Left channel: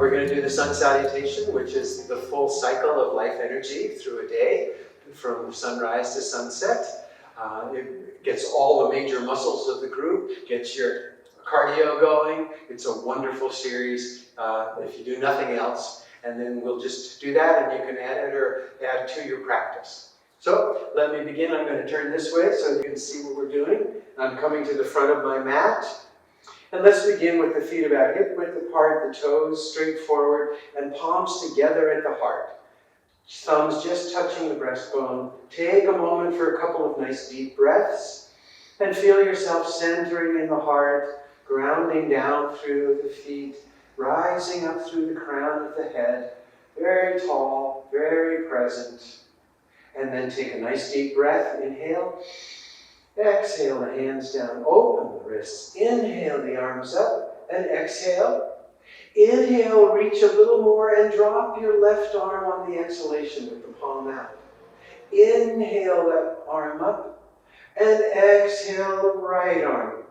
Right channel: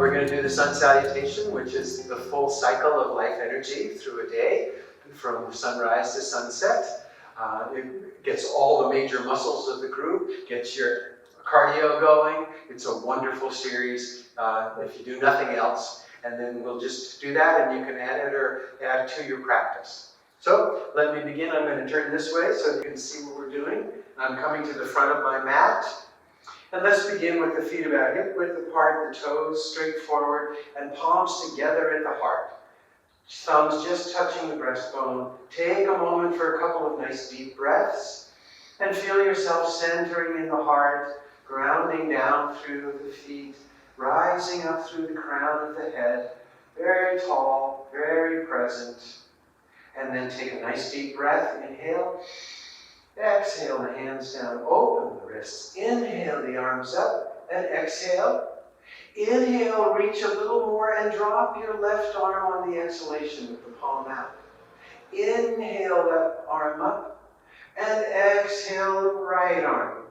We're going to do the Sun Salutation, which is the full cycle of life energy through a day, from sunrise to sunset. It gets all the major muscles of the group, gets your cardio going. It's a wonderful series if you do nothing else. And then we'll just do that, and you can add it or add to your practice. So let me begin. I'm going to turn this way so you can see what we're doing. I'm coming to the front of my mat. And let's begin with the feet about hip width apart, the toes straight forward, and palms together at the heart. Thumbs just touching the breastbone. Take a moment for a couple of nice deep breaths, and feel yourself centering in the heart, grounding down through the feet, rising up through the crown of the head, very tall, very present. And then take a nice deep breath. Inhale. Exhale the hands down, open the wrists. Inhale the arms up, and exhale. Inhale, reach a little more and drop your left arm on the exhalation with the palm out. Inhale that arm up, and exhale the right arm.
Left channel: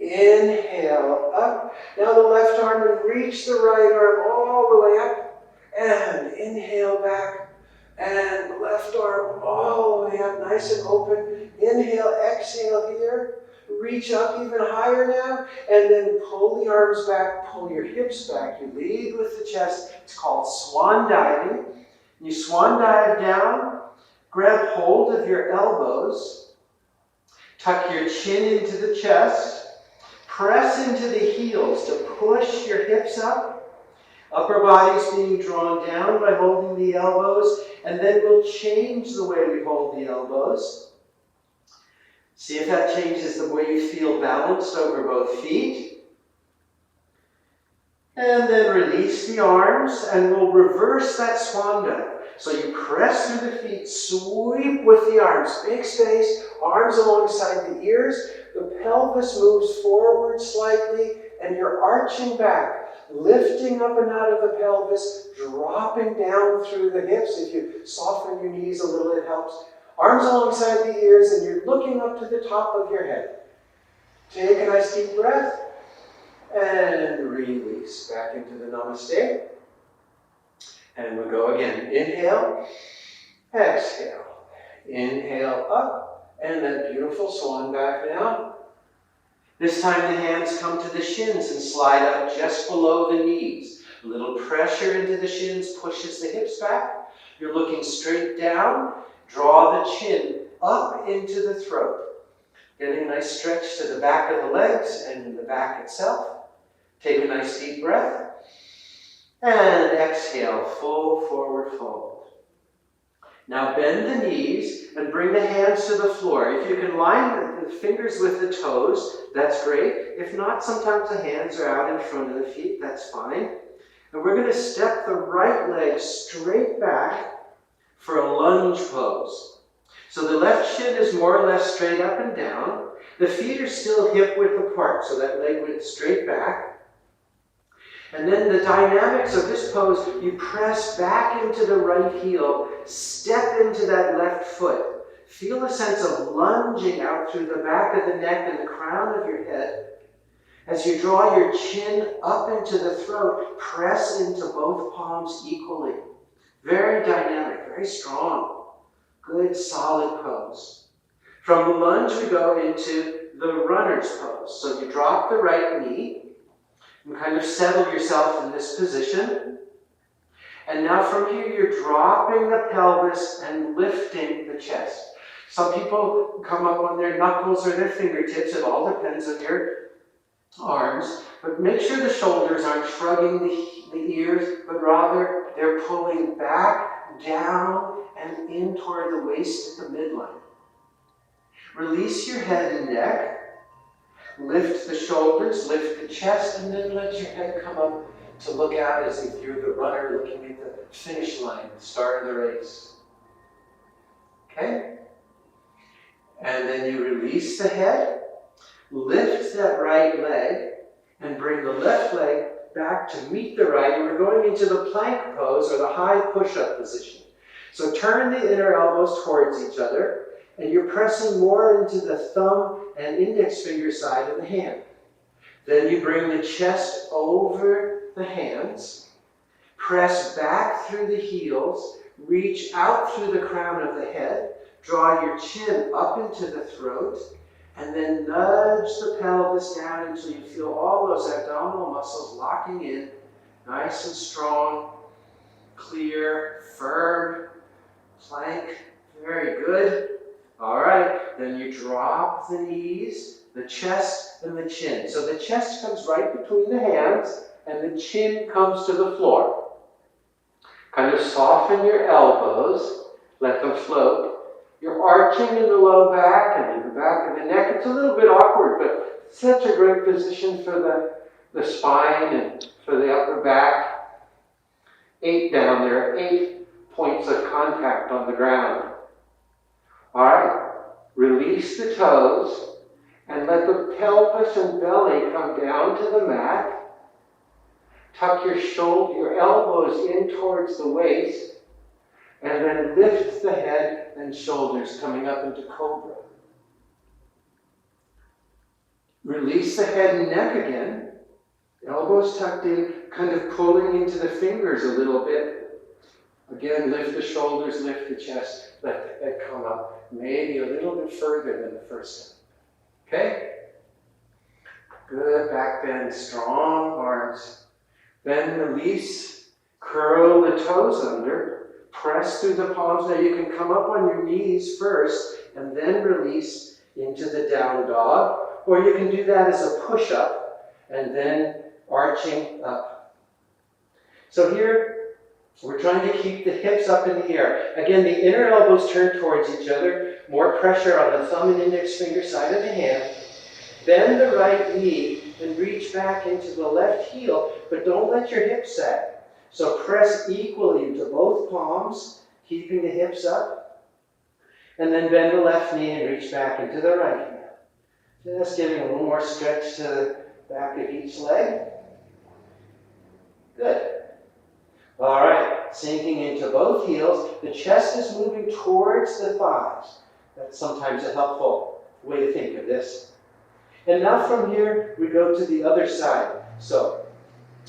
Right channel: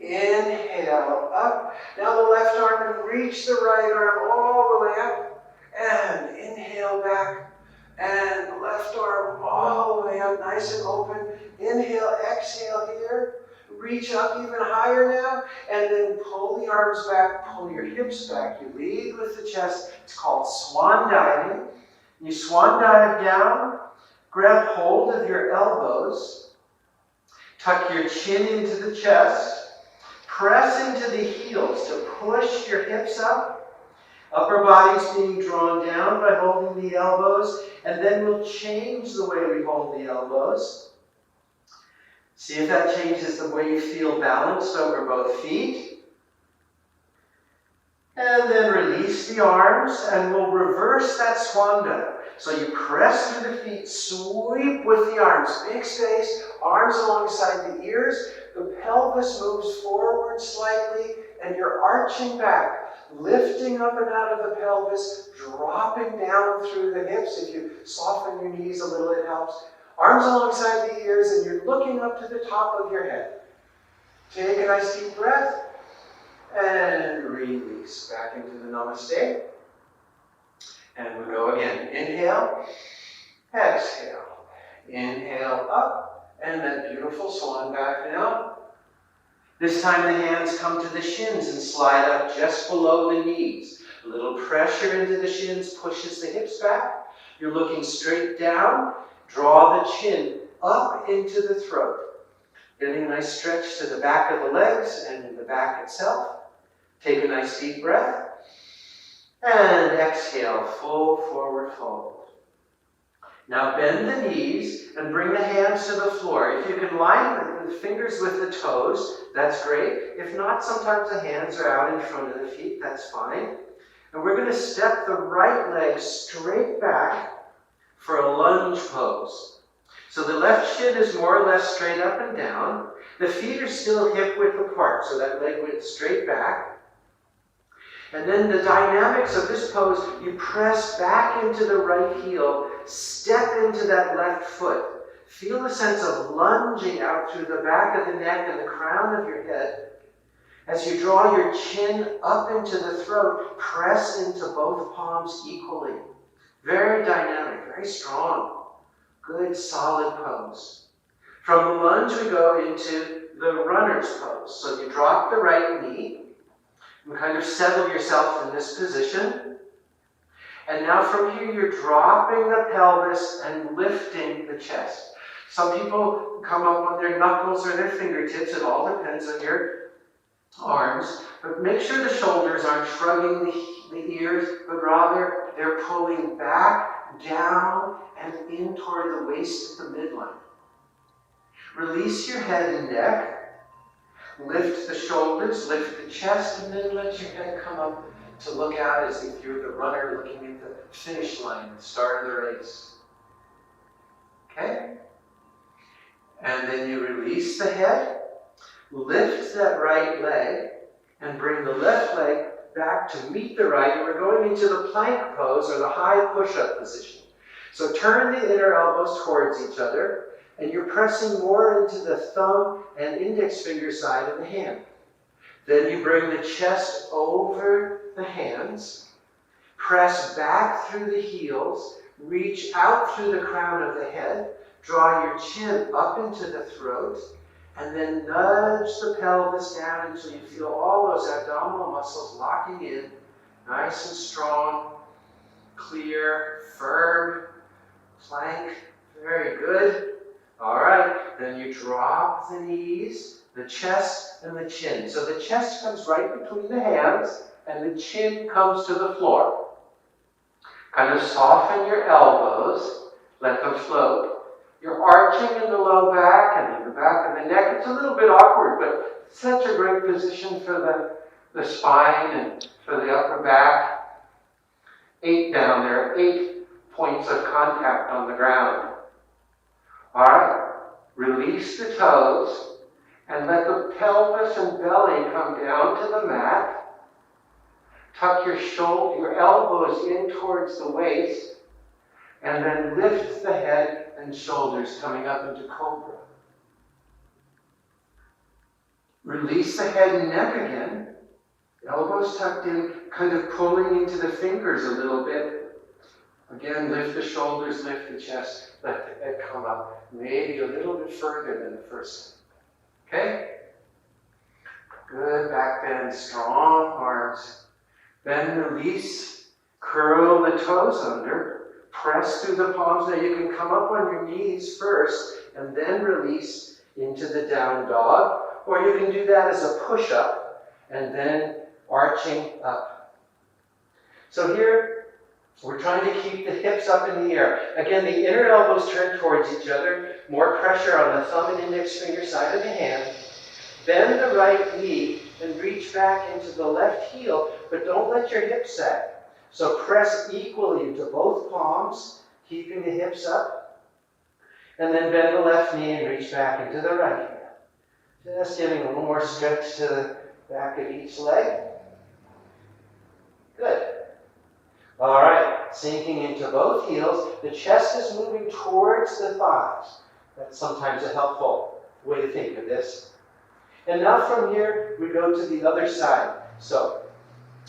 Inhale up. Now the left arm, and reach the right arm all the way up. And inhale back. And left arm all the way up, nice and open. Inhale, exhale here. Reach up even higher now. And then pull the arms back, pull your hips back. You lead with the chest. It's called swan diving. You swan dive down, grab hold of your elbows, tuck your chin into the chest, press into the heels to push your hips up. Upper body's being drawn down by holding the elbows, and then we'll change the way we hold the elbows. See if that changes the way you feel balanced over both feet. And then release the arms, and we'll reverse that swan dive. So you press through the feet, sweep with the arms, big space, arms alongside the ears. The pelvis moves forward slightly, and you're arching back. Lifting up and out of the pelvis, dropping down through the hips. If you soften your knees a little, it helps. Arms alongside the ears, and you're looking up to the top of your head. Take a nice deep breath, and release back into the namaste. And we'll go again. Inhale, exhale. Inhale up, and that beautiful swan dive now. This time the hands come to the shins and slide up just below the knees. A little pressure into the shins pushes the hips back. You're looking straight down. Draw the chin up into the throat. Getting a nice stretch to the back of the legs and in the back itself. Take a nice deep breath. And exhale, full forward fold. Now bend the knees and bring the hands to the floor. If you can line the fingers with the toes, that's great. If not, sometimes the hands are out in front of the feet, that's fine. And we're going to step the right leg straight back for a lunge pose. So the left shin is more or less straight up and down. The feet are still hip width apart, so that leg went straight back. And then the dynamics of this pose, you press back into the right heel, step into that left foot. Feel a sense of lunging out through the back of the neck and the crown of your head. As you draw your chin up into the throat, press into both palms equally. Very dynamic, very strong. Good, solid pose. From the lunge, we go into the runner's pose. So you drop the right knee, and kind of settle yourself in this position. And now from here, you're dropping the pelvis and lifting the chest. Some people come up on their knuckles or their fingertips. It all depends on your arms. But make sure the shoulders aren't shrugging the ears, but rather they're pulling back, down, and in toward the waist at the midline. Release your head and neck. Lift the shoulders, lift the chest, and then let your head come up to look out as if you're the runner looking at the finish line, the start of the race. Okay? And then you release the head, lift that right leg, and bring the left leg back to meet the right, and we're going into the plank pose, or the high push-up position. So turn the inner elbows towards each other, and you're pressing more into the thumb and index finger side of the hand. Then you bring the chest over the hands. Press back through the heels. Reach out through the crown of the head. Draw your chin up into the throat. And then nudge the pelvis down until you feel all those abdominal muscles locking in. Nice and strong, clear, firm, plank. Very good. All right, then you drop the knees, the chest, and the chin. So the chest comes right between the hands, and the chin comes to the floor. Kind of soften your elbows, let them float. You're arching in the low back and in the back of the neck. It's a little bit awkward, but such a great position for the spine and for the upper back. 8 down there, 8 points of contact on the ground. All right, release the toes and let the pelvis and belly come down to the mat. Tuck your elbows in towards the waist, and then lift the head and shoulders coming up into cobra. Release the head and neck again. Elbows tucked in, kind of pulling into the fingers a little bit. Again, lift the shoulders, lift the chest, let the head come up. Maybe a little bit further than the first time. Okay? Good, back bend, strong arms. Then release, curl the toes under, press through the palms. Now you can come up on your knees first and then release into the down dog, or you can do that as a push-up and then arching up. So here, we're trying to keep the hips up in the air. Again, the inner elbows turn towards each other, more pressure on the thumb and index finger side of the hand. Bend the right knee and reach back into the left heel, but don't let your hips sag. So press equally into both palms, keeping the hips up. And then bend the left knee and reach back into the right hand. Just giving a little more stretch to the back of each leg. Good. All right, sinking into both heels. The chest is moving towards the thighs. That's sometimes a helpful way to think of this. And now from here, we go to the other side. So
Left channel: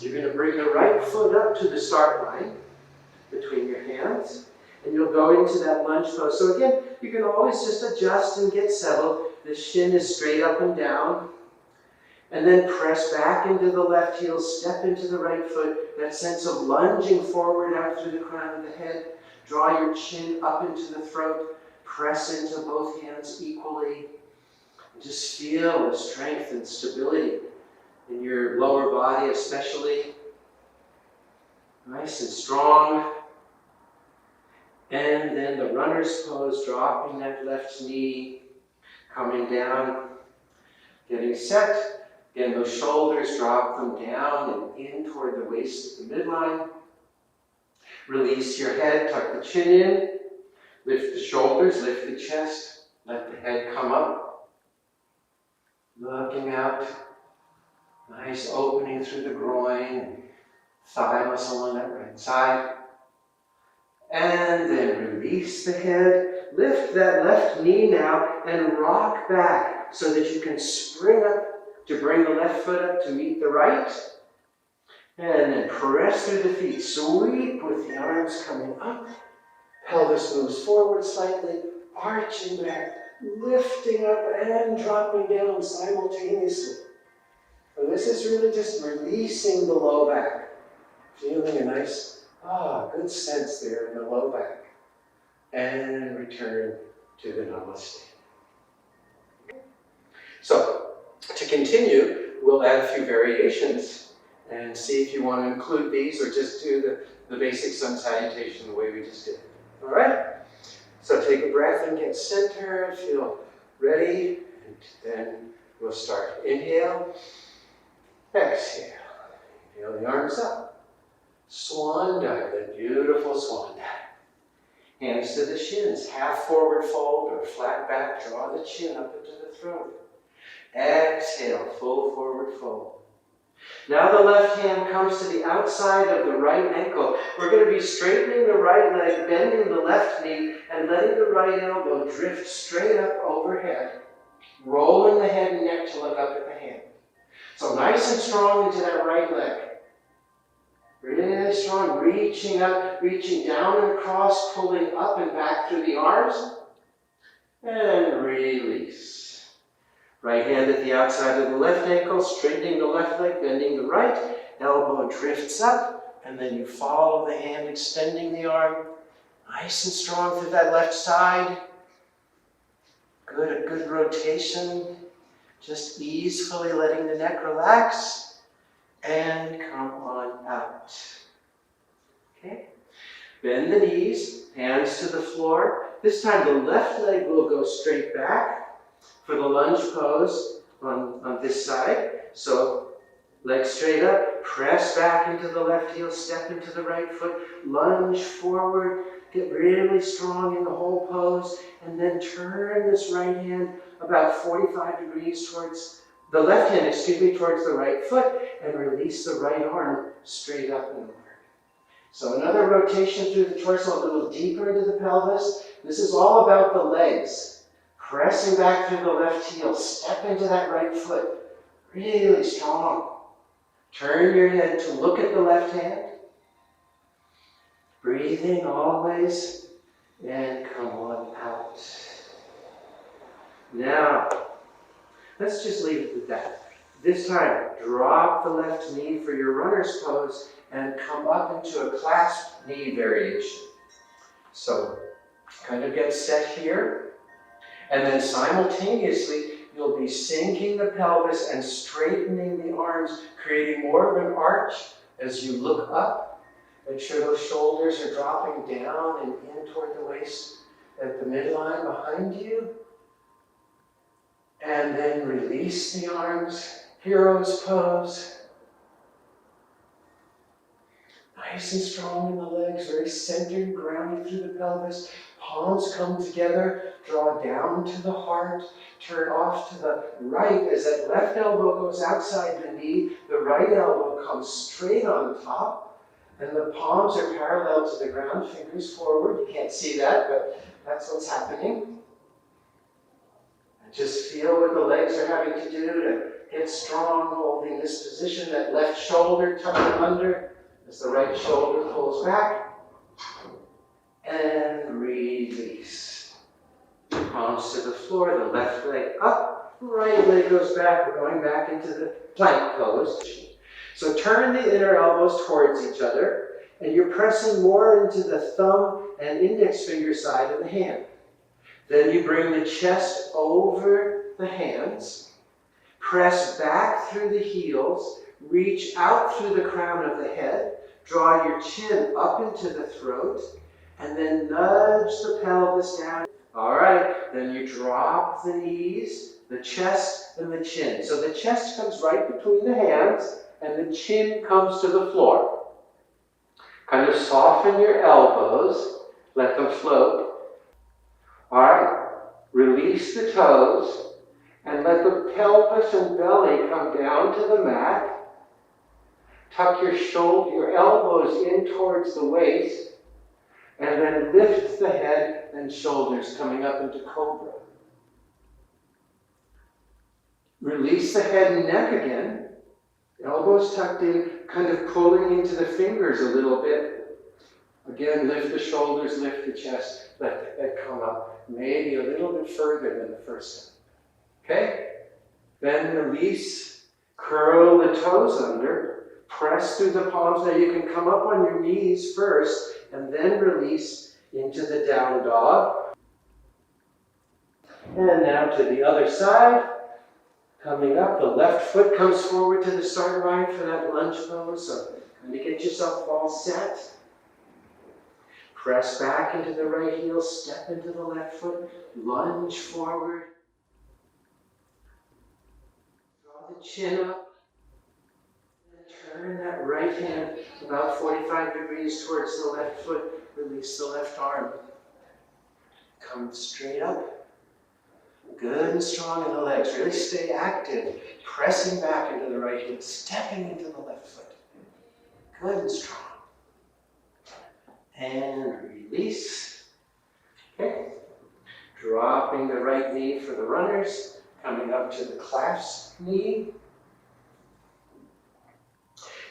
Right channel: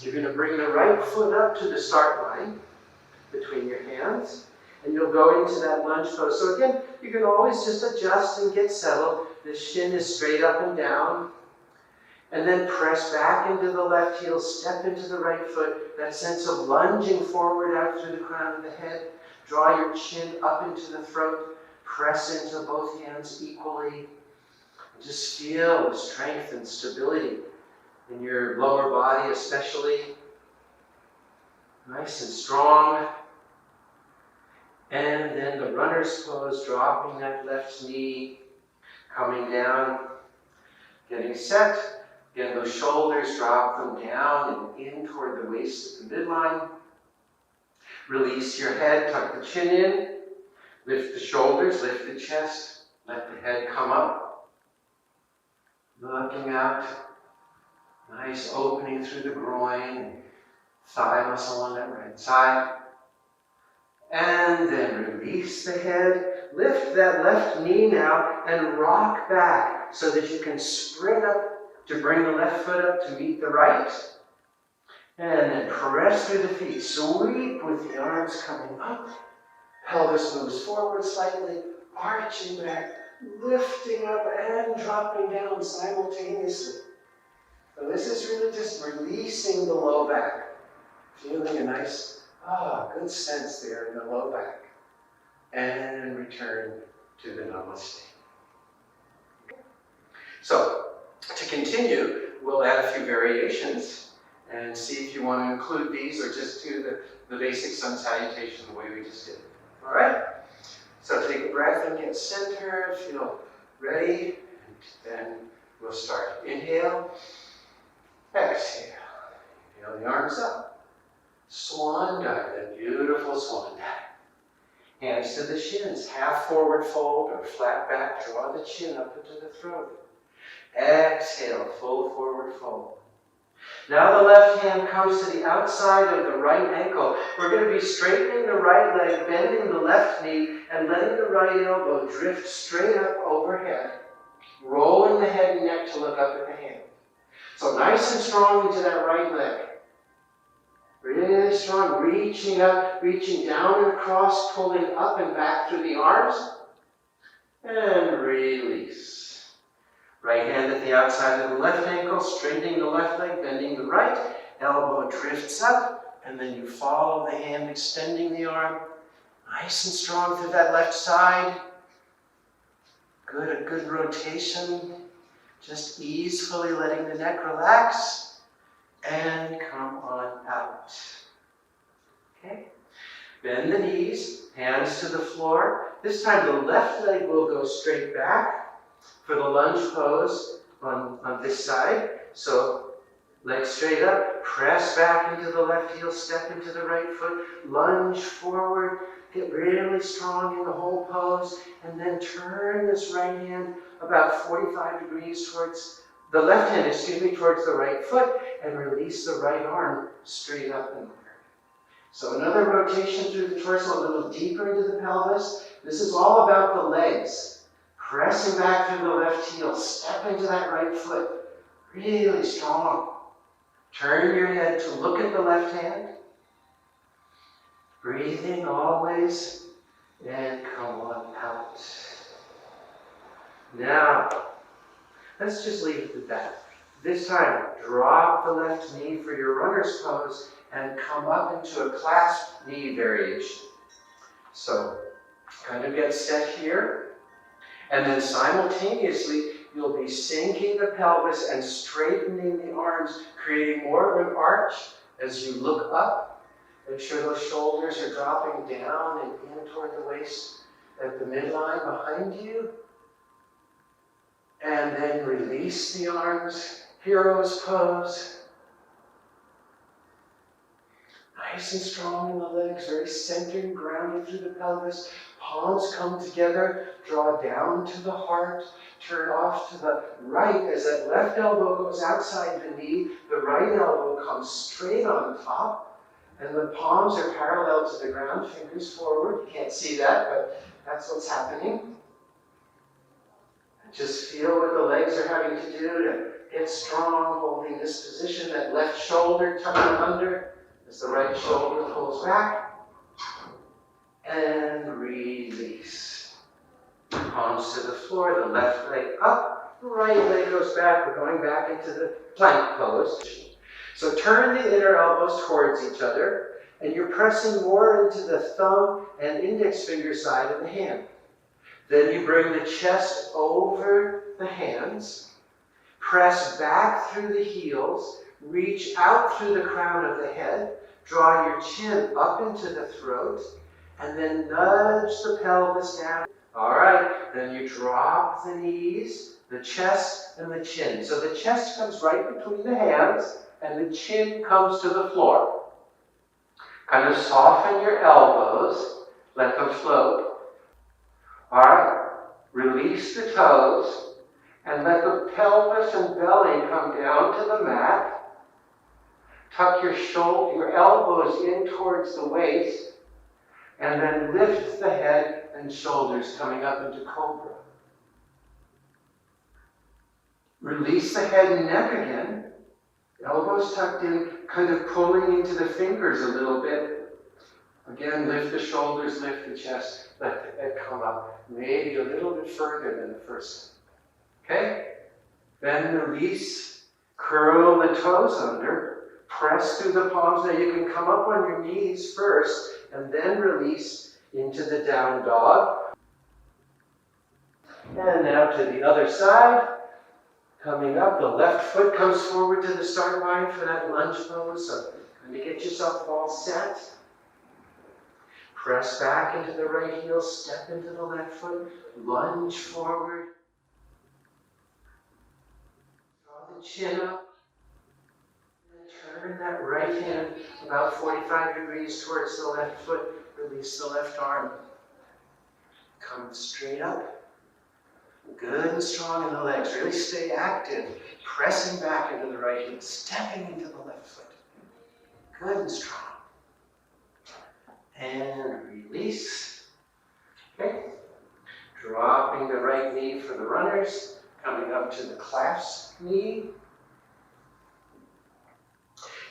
you're going to bring the right foot up to the start line between your hands, and you'll go into that lunge pose. So again, you can always just adjust and get settled. The shin is straight up and down. And then press back into the left heel, step into the right foot. That sense of lunging forward out through the crown of the head. Draw your chin up into the throat. Press into both hands equally. Just feel the strength and stability in your lower body especially. Nice and strong. And then the runner's pose, dropping that left knee, coming down, getting set. Again, those shoulders, drop them down and in toward the waist at the midline. Release your head, tuck the chin in, lift the shoulders, lift the chest, let the head come up. Looking out, nice opening through the groin, thigh muscle on that right side. And then release the head, lift that left knee now and rock back so that you can spring up to bring the left foot up to meet the right. And then press through the feet, sweep with the arms coming up. Pelvis moves forward slightly, arching back, lifting up and dropping down simultaneously. So this is really just releasing the low back. Feeling a nice, good sense there in the low back. And return to the namaste. So, to continue, we'll add a few variations and see if you want to include these or just do the basic sun salutation the way we just did. All right? So take a breath and get centered, feel ready, and then we'll start. Inhale, exhale. Inhale the arms up. Swan dive, that beautiful swan dive. Hands to the shins, half forward fold or flat back, draw the chin up into the throat. Exhale, full forward fold. Now the left hand comes to the outside of the right ankle. We're going to be straightening the right leg, bending the left knee, and letting the right elbow drift straight up overhead, rolling the head and neck to look up at the hand. So nice and strong into that right leg. Really strong, reaching up, reaching down and across, pulling up and back through the arms. And release. Right hand at the outside of the left ankle, straightening the left leg, bending the right. Elbow drifts up, and then you follow the hand, extending the arm. Nice and strong through that left side. Good, a good rotation. Just easily letting the neck relax. And come on out. Okay. Bend the knees, hands to the floor. This time the left leg will go straight back for the lunge pose on this side. So leg straight up, press back into the left heel, step into the right foot, lunge forward, get really strong in the whole pose, and then turn this right hand about 45 degrees towards the left hand, towards the right foot, and release the right arm straight up and over. So another rotation through the torso, a little deeper into the pelvis. This is all about the legs. Pressing back through the left heel, step into that right foot, really strong. Turn your head to look at the left hand. Breathing always, and come on out. Now, let's just leave it at that. This time, drop the left knee for your runner's pose and come up into a clasped knee variation. So, kind of get set here, and then simultaneously, you'll be sinking the pelvis and straightening the arms, creating more of an arch as you look up. Make sure those shoulders are dropping down and in toward the waist at the midline behind you. And then release the arms, hero's pose. Nice and strong in the legs, very centered, grounded through the pelvis. Palms come together, draw down to the heart, turn off to the right as that left elbow goes outside the knee, the right elbow comes straight on top, and the palms are parallel to the ground, fingers forward. You can't see that, but that's what's happening. Just feel what the legs are having to do to get strong, holding this position, that left shoulder tucking under as the right shoulder pulls back. And release. Palms to the floor, the left leg up, right leg goes back. We're going back into the plank pose. So turn the inner elbows towards each other, and you're pressing more into the thumb and index finger side of the hand. Then you bring the chest over the hands, press back through the heels, reach out through the crown of the head, draw your chin up into the throat, and then nudge the pelvis down. All right, then you drop the knees, the chest, and the chin. So the chest comes right between the hands, and the chin comes to the floor. Kind of soften your elbows, let them float. All right, release the toes, and let the pelvis and belly come down to the mat. Tuck your elbows in towards the waist, and then lift the head and shoulders coming up into cobra. Release the head and neck again. Elbows tucked in, kind of pulling into the fingers a little bit. Again, lift the shoulders, lift the chest, let the head come up. Maybe a little bit further than the first time. Okay? Then release, curl the toes under. Press through the palms. Now you can come up on your knees first and then release into the down dog. And now to the other side. Coming up, the left foot comes forward to the start line for that lunge pose. So kind of get yourself all set. Press back into the right heel, step into the left foot, lunge forward. Draw the chin up. Turn that right hand about 45 degrees towards the left foot. Release the left arm. Come straight up. Good and strong in the legs. Really stay active. Pressing back into the right heel. Stepping into the left foot. Good and strong. And release. Okay. Dropping the right knee for the runners. Coming up to the clasp knee.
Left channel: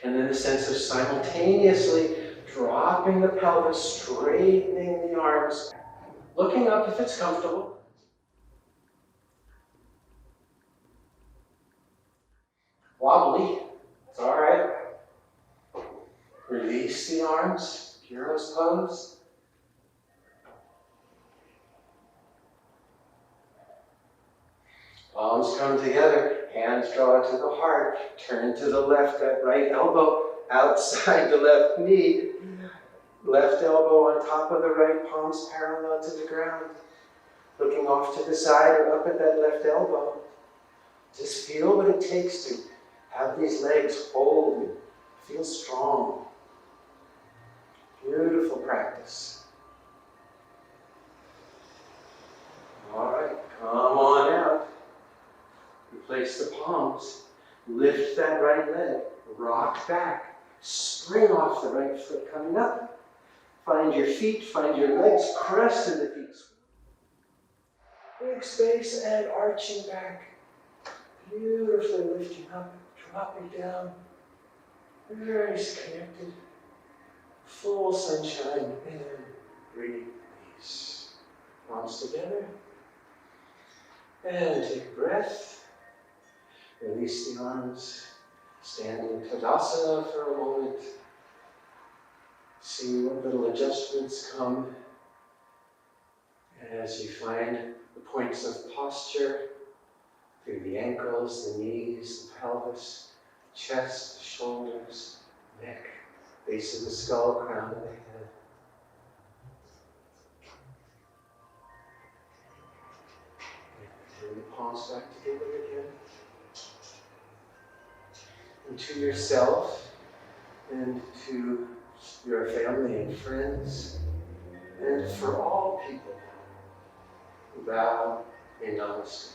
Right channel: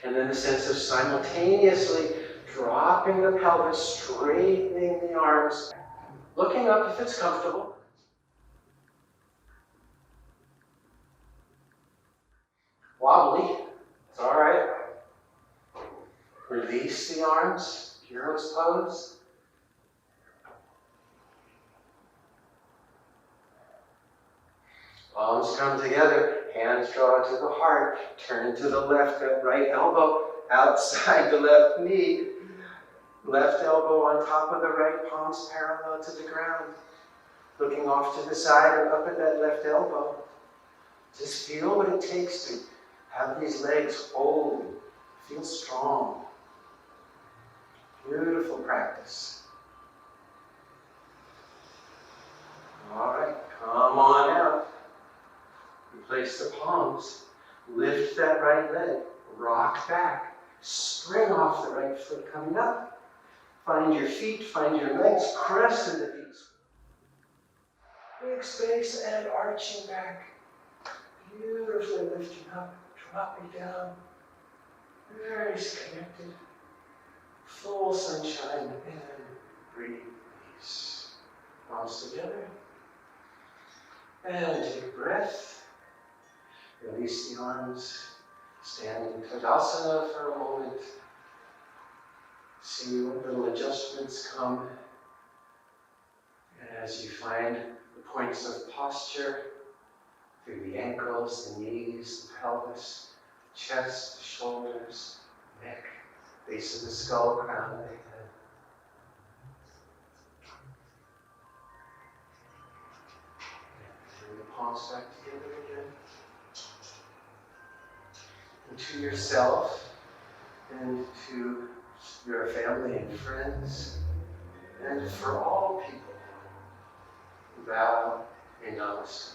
And then a sense of simultaneously dropping the pelvis, straightening the arms, looking up if it's comfortable. Wobbly, it's all right. Release the arms, hero's pose. Palms come together, hands draw to the heart, turn to the left, that right elbow outside the left knee. Left elbow on top of the right, palms parallel to the ground. Looking off to the side or up at that left elbow. Just feel what it takes to have these legs hold and feel strong. Beautiful practice. All right, come on out. Replace the palms. Lift that right leg. Rock back. Spring off the right foot coming up. Find your feet, find your legs, press into the feet. Big space and arching back. Beautifully lifting up, dropping down. Very connected. Full sunshine and breathe, release. Palms together. And take a breath. Release the arms. Stand in Tadasana for a moment. See what little adjustments come as you find the points of posture through the ankles, the knees, the pelvis, chest, the shoulders, neck, base of the skull, crown of the head. Bring the palms back together again. And to yourself and to your family and friends, and for all people, bow in namaste.